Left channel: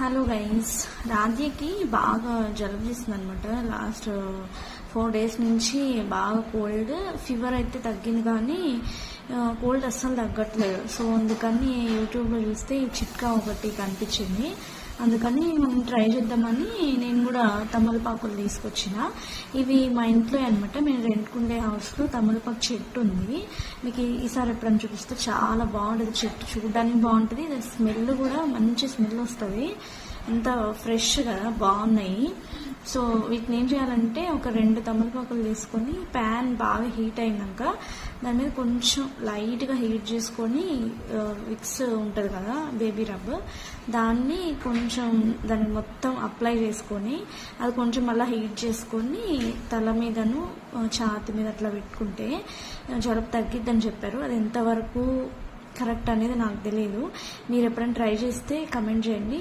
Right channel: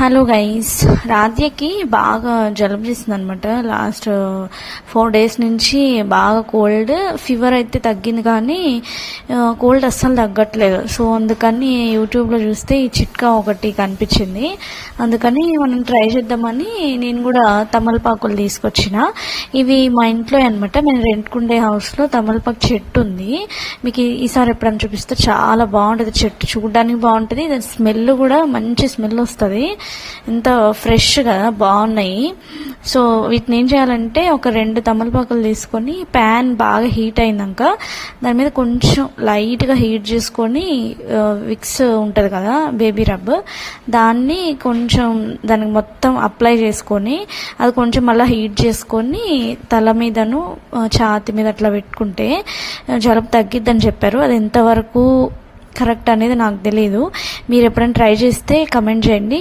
Hello guys, రాధ్యకి బాగా జలుబు చేస్తుంది అనమాట. లాస్ట్ 4 days నుంచి బాగా కోల్డ్, ఫీవర్ అయితే తగ్గింది కానీ కోల్డ్ అస్సలు తగ్గట్లేదు. సో అందుకని యూట్యూబ్లో చూస్తే ఈ చిట్కా ఒకటి కనిపించింది. అందుకని మనం ట్రై చేద్దామని నేను కూడా తమలపాకులు తీసుకొచ్చిన. ఇవి మా ఇంట్లో అనమాట. మేము రెంట్కుండే హౌస్లో తమలపాకు చెట్టు ఉంది. మీకు ఈసారి ఎప్పుడైనా చూపిస్తే చాలా బాగుంటుంది. చెట్టు చూడడానికి బాగుంటుంది, దాని స్మెల్ కూడా మంచి స్మెల్ వస్తుంది. ఎంత ఫ్రెష్గా బాగున్నాయి. సో వీటిని ఏం చేయాలంటే ఒక 2 తమలపాకులు తీసుకొని ప్యాన్ బాగా హీట్ అయినాక దాని మీద కొంచెం లైట్గా హీట్ చేసుకొని విక్స్ ఉంటుంది కదా, బేబీ రబ్, దాన్ని కొంచెం దానికి మొత్తం అప్లై చేసుకొని అది కొంచెం మళ్ళీ హీట్ చేసుకొని తల మీదను ఛాతి మీద అట్లా పెట్టుకుంటే జలుబు తగ్గిద్దని చెప్పారు. అది ఎంతవరకు కరెక్ట్ అనేది నాకు తెలియదు. మీరు ఎప్పుడైనా ట్రై చేస్తే కమెంట్ చేయండి.